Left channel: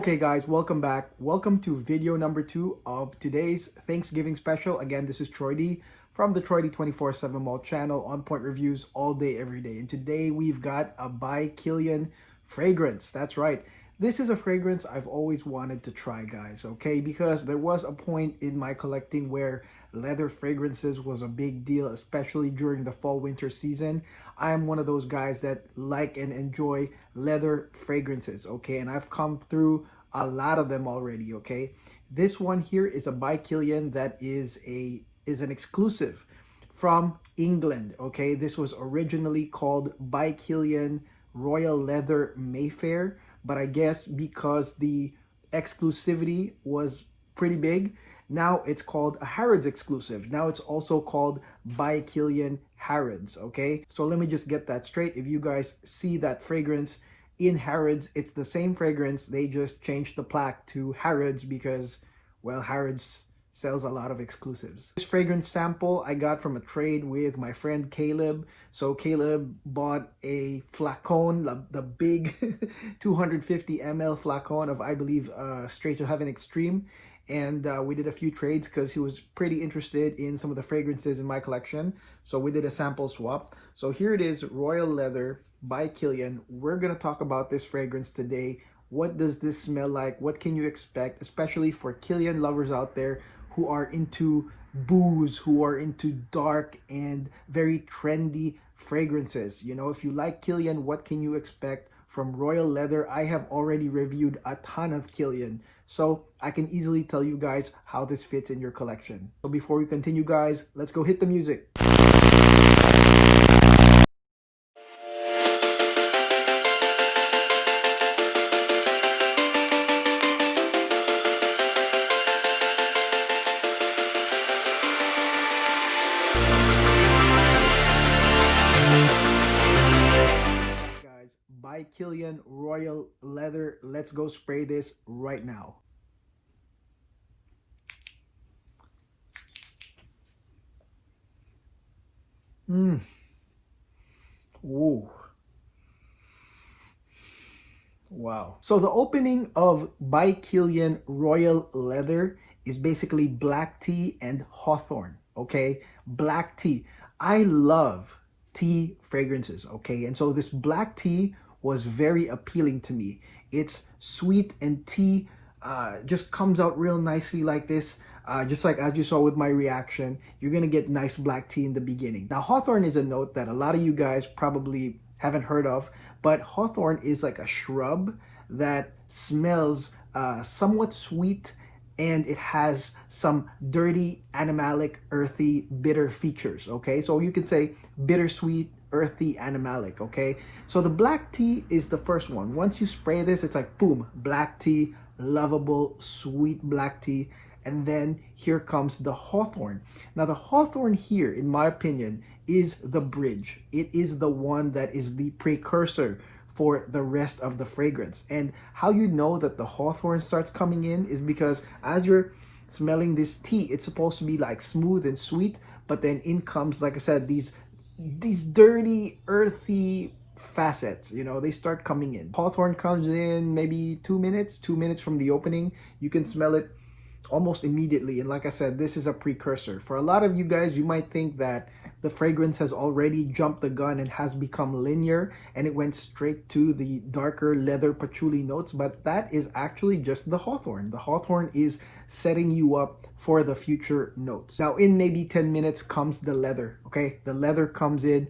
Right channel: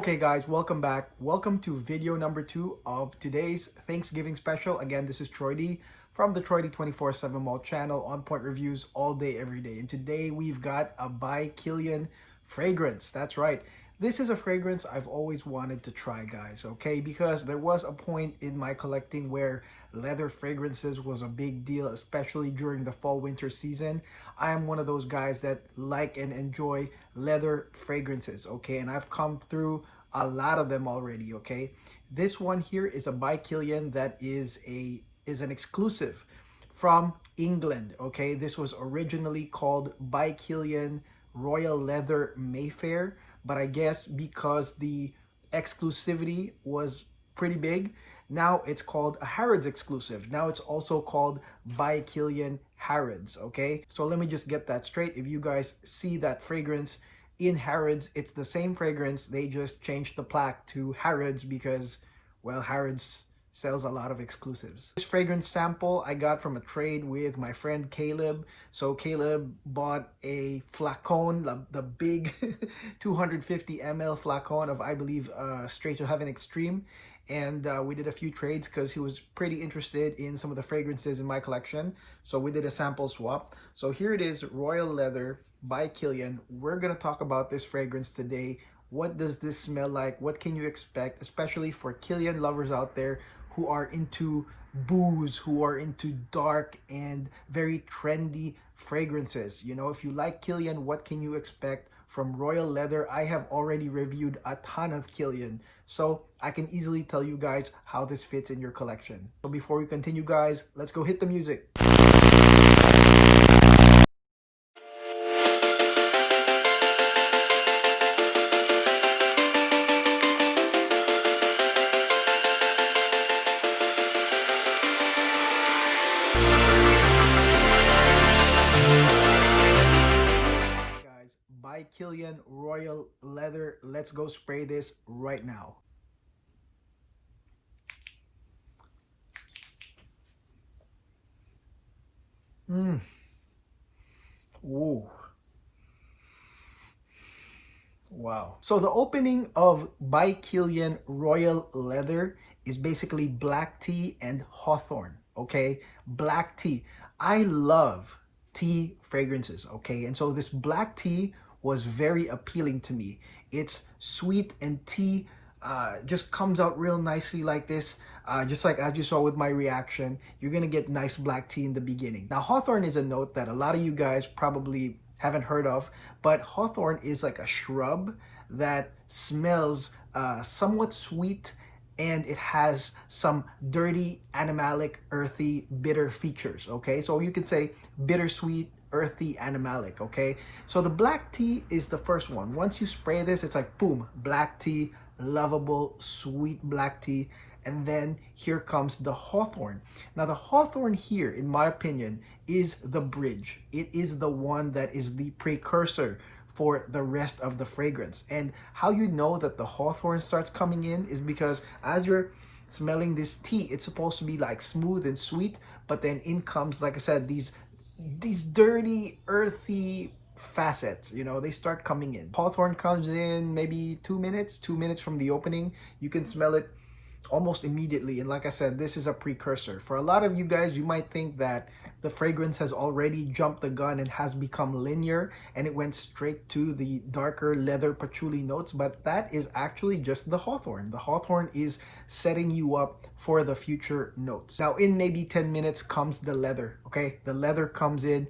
Okay guys, welcome back. Welcome to video number 2 of today's Thanksgiving special. Again, this is Troy D from the Troy D 24/7 Mall channel, on point reviews all day, every day. And today we've got a by Kilian fragrance. That's right. This is a fragrance I've always wanted to try, guys, okay? Because there was a point in my collecting where leather fragrances was a big deal, especially during the fall winter season. I am one of those guys that like and enjoy leather fragrances, okay? And I've come through a lot of them already, okay? This one here is a by Kilian that is an exclusive from England, okay? This was originally called by Kilian Royal Leather Mayfair, but I guess because the exclusivity was pretty big, now it's called a Harrods exclusive. Now it's also called by Kilian Harrods, okay? So let me just get that straight. If you guys see that fragrance in Harrods, it's the same fragrance. They just changed the plaque to Harrods because, well, Harrods sells a lot of exclusives. This fragrance sample I got from a trade with my friend Caleb. So Caleb bought a flacon, the big 250 ml flacon of, I believe, Straight to Heaven Extreme. And we did a few trades because he was pretty interested in some of the fragrances in my collection. So we did a sample swap. So here it is, Royal Leather by Kilian. We're going to talk about this fragrance today. What does this smell like? What can you expect, especially for Kilian lovers out there who are into booze, who are into dark and very trendy fragrances? You know, if you like Kilian, what can you expect from Royal Leather? I have already reviewed a ton of Kilian, so I can easily tell you guys how this fits in your collection. So before we continue, guys, let's go hit the music. By Kilian Royal Leather. Let's go spray this right now. Whoa. Wow. So the opening of by Kilian Royal Leather is basically black tea and hawthorn, okay? Black tea. I love tea fragrances, okay? And so this black tea was very appealing to me. It's sweet and tea just comes out real nicely like this. Just like as you saw with my reaction, you're gonna get nice black tea in the beginning. Now hawthorn is a note that a lot of you guys probably haven't heard of, but hawthorn is like a shrub that smells somewhat sweet, and it has some dirty, animalic, earthy, bitter features, okay? So you could say bittersweet, earthy, animalic, okay? So the black tea is the first one. Once you spray this, it's like, boom, black tea, lovable, sweet black tea. And then here comes the hawthorn. Now the hawthorn here, in my opinion, is the bridge. It is the one that is the precursor for the rest of the fragrance. And how you know that the hawthorn starts coming in is because as you're smelling this tea, it's supposed to be like smooth and sweet, but then in comes, like I said, these dirty, earthy facets, you know, they start coming in. Hawthorn comes in maybe 2 minutes from the opening. You can smell it almost immediately. And like I said, this is a precursor. For a lot of you guys, you might think that the fragrance has already jumped the gun and has become linear and it went straight to the darker leather patchouli notes, but that is actually just the hawthorn. The hawthorn is setting you up for the future notes. Now in maybe 10 minutes comes the leather, okay? The leather comes in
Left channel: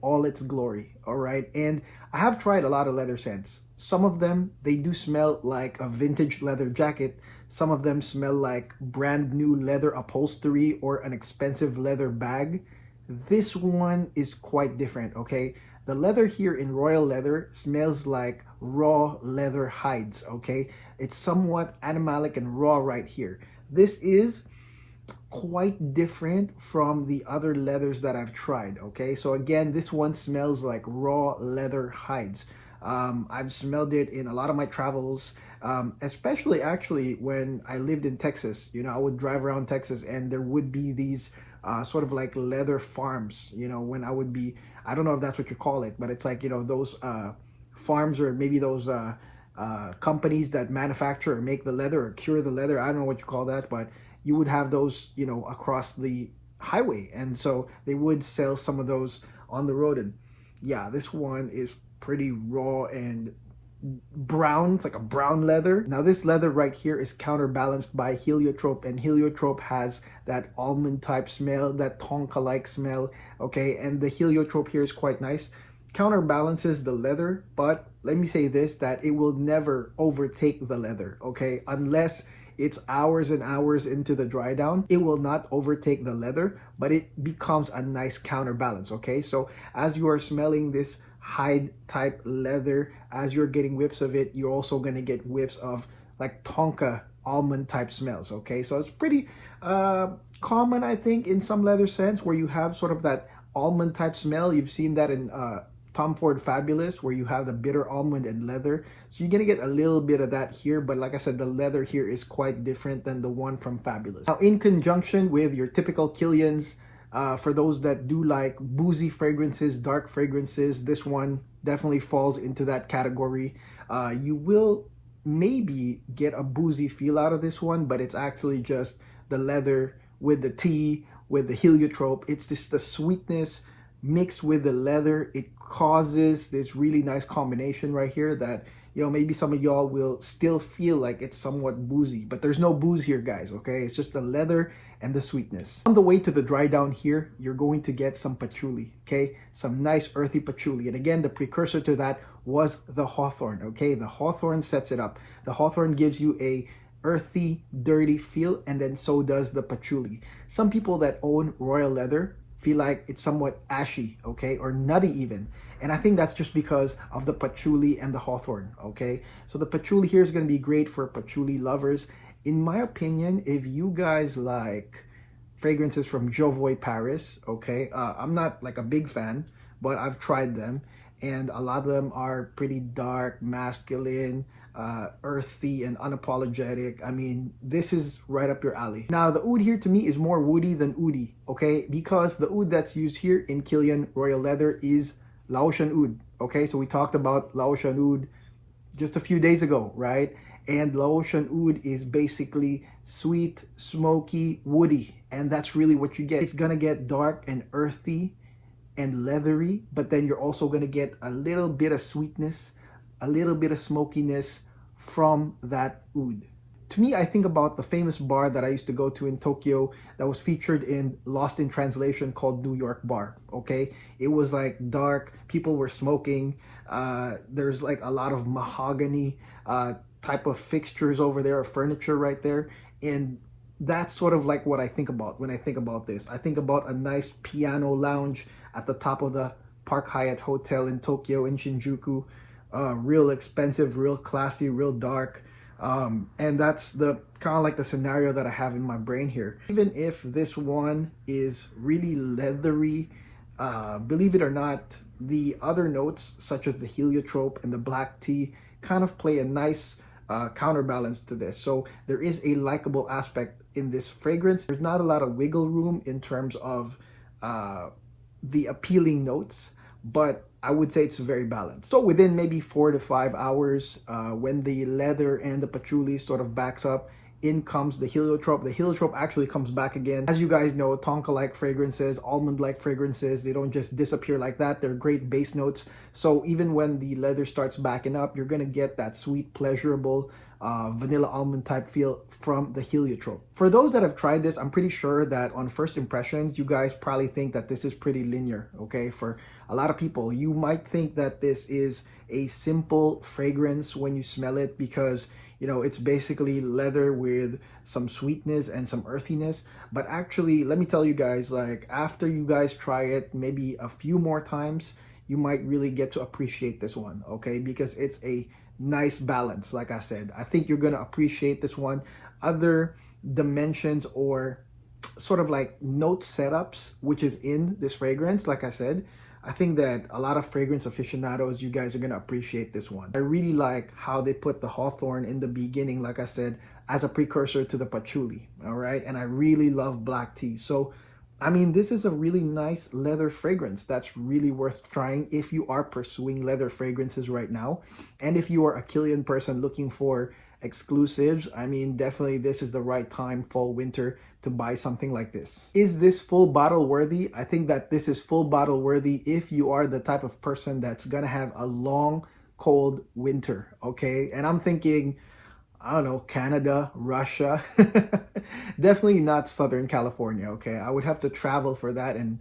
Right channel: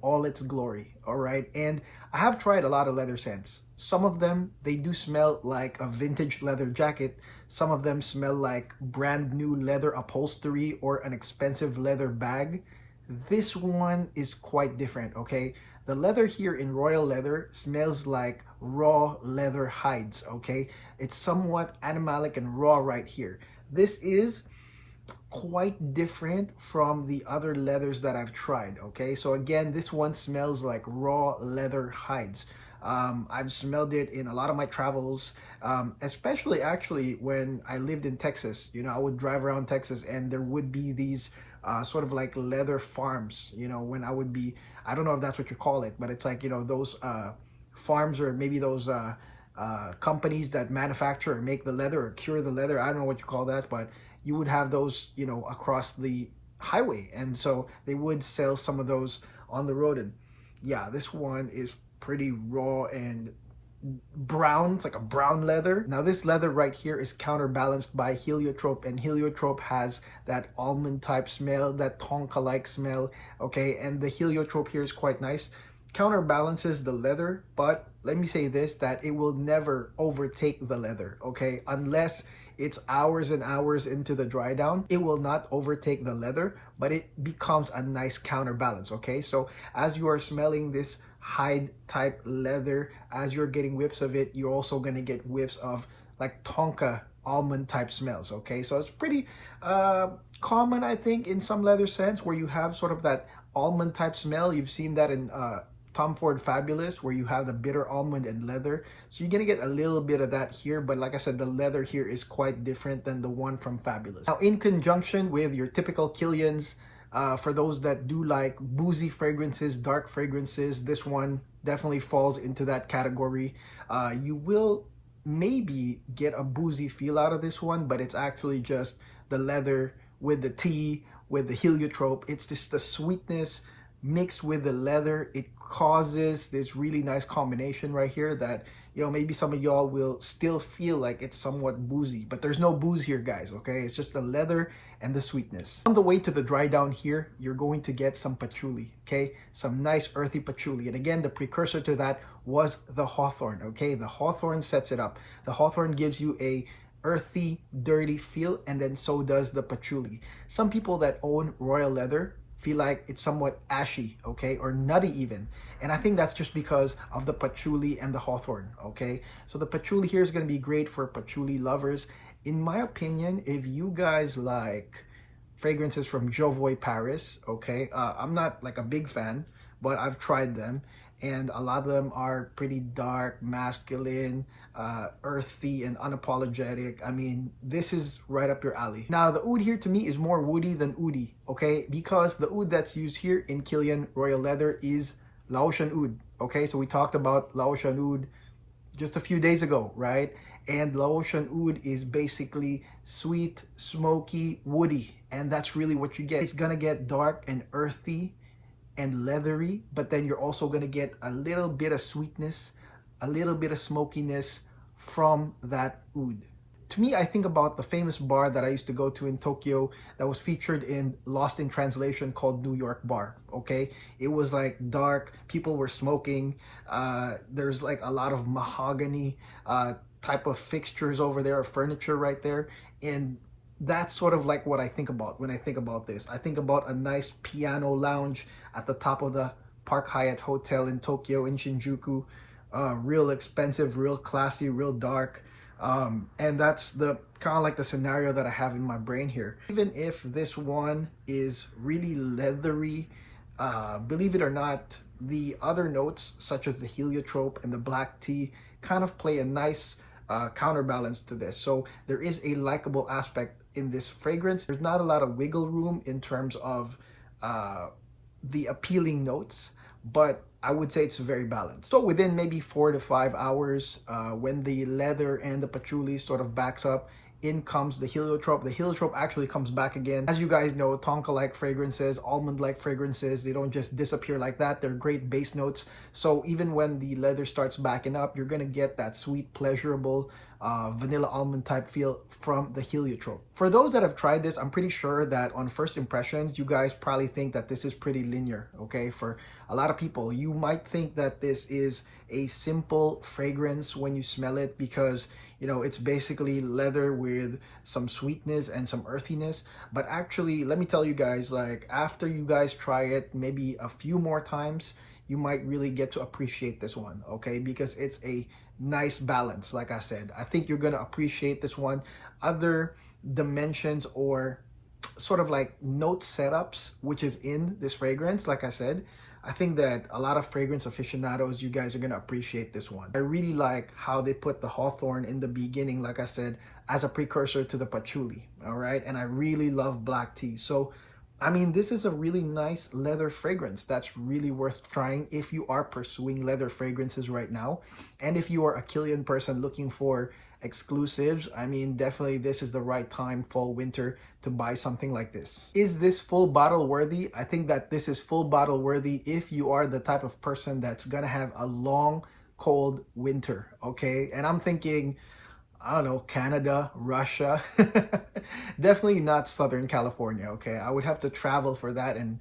all its glory, all right? And I have tried a lot of leather scents. Some of them, they do smell like a vintage leather jacket. Some of them smell like brand new leather upholstery or an expensive leather bag. This one is quite different, okay? The leather here in Royal Leather smells like raw leather hides, okay? It's somewhat animalic and raw right here. This is quite different from the other leathers that I've tried, okay? So again, this one smells like raw leather hides. I've smelled it in a lot of my travels, especially actually when I lived in Texas. You know, I would drive around Texas and there would be these sort of like leather farms, you know, when I would be, I don't know if that's what you call it, but it's like, you know, those farms, or maybe those companies that manufacture or make the leather or cure the leather. I don't know what you call that, but you would have those, you know, across the highway. And so they would sell some of those on the road. And yeah, this one is pretty raw and brown. It's like a brown leather. Now this leather right here is counterbalanced by heliotrope, and heliotrope has that almond type smell, that tonka like smell. Okay, and the heliotrope here is quite nice, counterbalances the leather, but let me say this, that it will never overtake the leather. Okay, unless it's hours and hours into the dry down, it will not overtake the leather, but it becomes a nice counterbalance. Okay, so as you are smelling this hide type leather, as you're getting whiffs of it, you're also going to get whiffs of like tonka almond type smells. Okay, so it's pretty common, I think, in some leather scents where you have sort of that almond type smell. You've seen that in Tom Ford Fabulous, where you have the bitter almond and leather. So you're gonna get a little bit of that here, but like I said, the leather here is quite different than the one from Fabulous. Now, in conjunction with your typical Kilians, for those that do like boozy fragrances, dark fragrances, this one definitely falls into that category. You will maybe get a boozy feel out of this one, but it's actually just the leather with the tea, with the heliotrope. It's just the sweetness mixed with the leather. It causes this really nice combination right here that, you know, maybe some of y'all will still feel like it's somewhat boozy, but there's no booze here, guys. Okay, it's just the leather and the sweetness. On the way to the dry down here, you're going to get some patchouli. Okay, some nice earthy patchouli, and again, the precursor to that was the hawthorn. Okay, the hawthorn sets it up. The hawthorn gives you a earthy, dirty feel, and then so does the patchouli. Some people that own royal leather feel like it's somewhat ashy, okay, or nutty even. And I think that's just because of the patchouli and the hawthorn, okay? So the patchouli here is going to be great for patchouli lovers. In my opinion, if you guys like fragrances from Jovoy Paris, okay, I'm not like a big fan, but I've tried them, and a lot of them are pretty dark, masculine, earthy, and unapologetic. I mean, this is right up your alley. Now, the oud here to me is more woody than oudi, okay? Because the oud that's used here in Kilian Royal Leather is Laotian oud, okay? So we talked about Laotian oud just a few days ago, right? And Laotian oud is basically sweet, smoky, woody, and that's really what you get. It's gonna get dark and earthy and leathery, but then you're also going to get a little bit of sweetness, a little bit of smokiness from that oud. To me, I think about the famous bar that I used to go to in Tokyo that was featured in Lost in Translation called New York Bar. Okay, it was like dark, people were smoking, there's like a lot of mahogany type of fixtures over there, or furniture right there, and that's sort of like what I think about when I think about this. I think about a nice piano lounge at the top of the Park Hyatt Hotel in Tokyo, in Shinjuku. Real expensive, real classy, real dark. And that's the kind of like the scenario that I have in my brain here. Even if this one is really leathery, believe it or not, the other notes such as the heliotrope and the black tea kind of play a nice counterbalance to this. So there is a likable aspect in this fragrance. There's not a lot of wiggle room in terms of the appealing notes, but I would say it's very balanced. So within maybe 4 to 5 hours, when the leather and the patchouli sort of backs up, in comes the heliotrope. The heliotrope actually comes back again. As you guys know, tonka-like fragrances, almond-like fragrances, they don't just disappear like that. They're great base notes. So even when the leather starts backing up, you're gonna get that sweet, pleasurable, vanilla almond type feel from the heliotrope. For those that have tried this, I'm pretty sure that on first impressions, you guys probably think that this is pretty linear, okay? For a lot of people, you might think that this is a simple fragrance when you smell it because, you know, it's basically leather with some sweetness and some earthiness. But actually, let me tell you guys, like after you guys try it maybe a few more times, you might really get to appreciate this one, okay? Because it's a nice balance. Like I said, I think you're gonna appreciate this one. Other dimensions or sort of like note setups, which is in this fragrance, like I said, I think that a lot of fragrance aficionados, you guys are going to appreciate this one. I really like how they put the hawthorn in the beginning, like I said, as a precursor to the patchouli, all right? And I really love black tea. So I mean, this is a really nice leather fragrance that's really worth trying if you are pursuing leather fragrances right now. And if you are a Kilian person looking for exclusives, I mean, definitely this is the right time, fall, winter, to buy something like this. Is this full bottle worthy? I think that this is full bottle worthy if you are the type of person that's gonna have a long, cold winter, okay? And I'm thinking, I don't know, Canada, Russia. Definitely not Southern California, okay? I would have to travel for that, and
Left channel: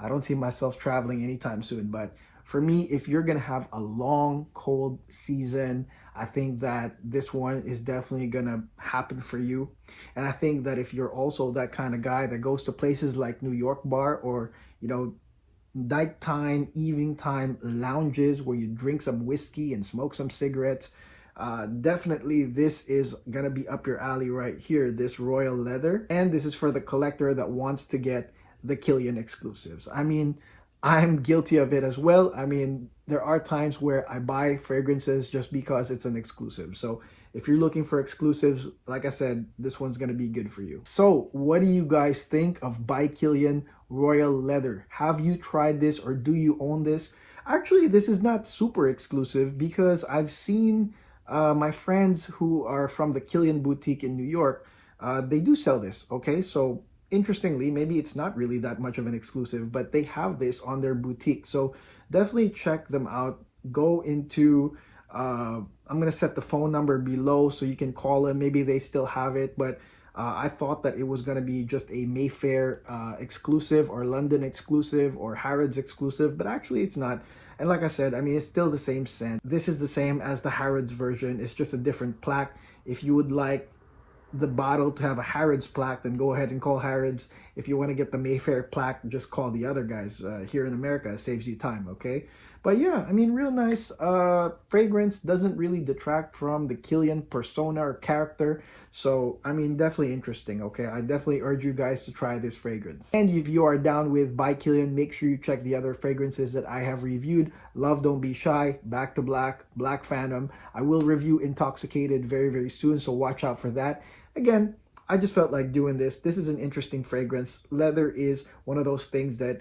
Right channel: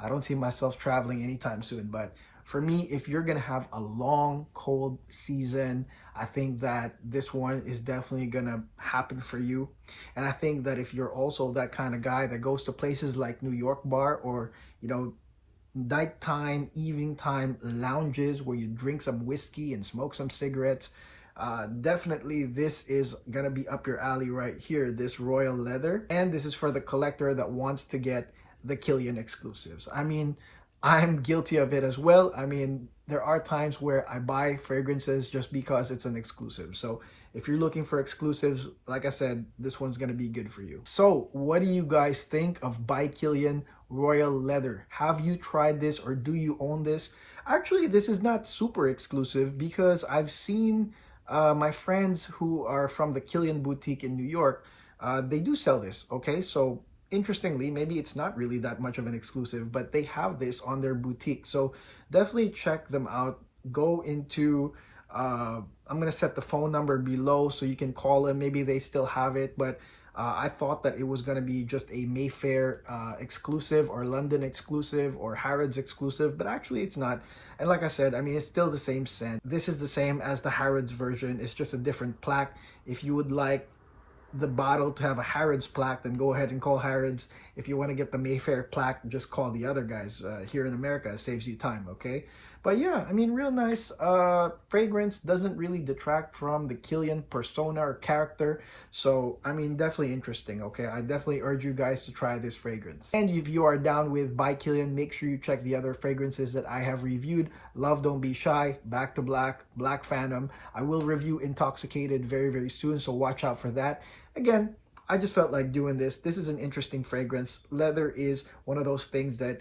I don't see myself traveling anytime soon. But for me, if you're gonna have a long, cold season, I think that this one is definitely gonna happen for you. And I think that if you're also that kind of guy that goes to places like New York Bar, or, you know, nighttime, evening time lounges where you drink some whiskey and smoke some cigarettes, definitely this is gonna be up your alley right here, this royal leather. And this is for the collector that wants to get the Kilian exclusives. I mean, I'm guilty of it as well. I mean, there are times where I buy fragrances just because it's an exclusive. So if you're looking for exclusives, like I said, this one's gonna be good for you. So what do you guys think of By Kilian Royal Leather? Have you tried this, or do you own this? Actually, this is not super exclusive because I've seen my friends who are from the Kilian boutique in New York, they do sell this, okay? So interestingly, maybe it's not really that much of an exclusive, but they have this on their boutique. So definitely check them out. Go into, I'm going to set the phone number below so you can call them. Maybe they still have it, but I thought that it was going to be just a Mayfair exclusive, or London exclusive, or Harrods exclusive, but actually it's not. And like I said, I mean, it's still the same scent. This is the same as the Harrods version. It's just a different plaque. If you would like the bottle to have a Harrods plaque, then go ahead and call Harrods. If you want to get the Mayfair plaque, just call the other guys. Here in America, it saves you time, okay? But yeah, I mean, real nice fragrance. Doesn't really detract from the Kilian persona or character. So, I mean, definitely interesting, okay? I definitely urge you guys to try this fragrance. And if you are down with By Kilian, make sure you check the other fragrances that I have reviewed. Love Don't Be Shy, Back to Black, Black Phantom. I will review Intoxicated very, very soon, so watch out for that. Again, I just felt like doing this. This is an interesting fragrance. Leather is one of those things that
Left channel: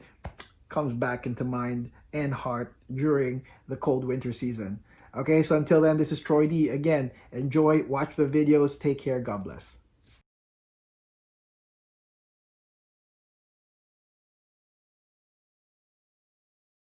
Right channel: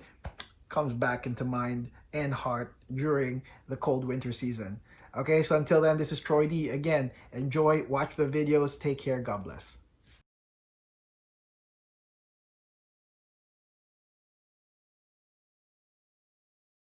comes back into mind and heart during the cold winter season. Okay, so until then, this is Troy D. Again, enjoy, watch the videos, take care, God bless.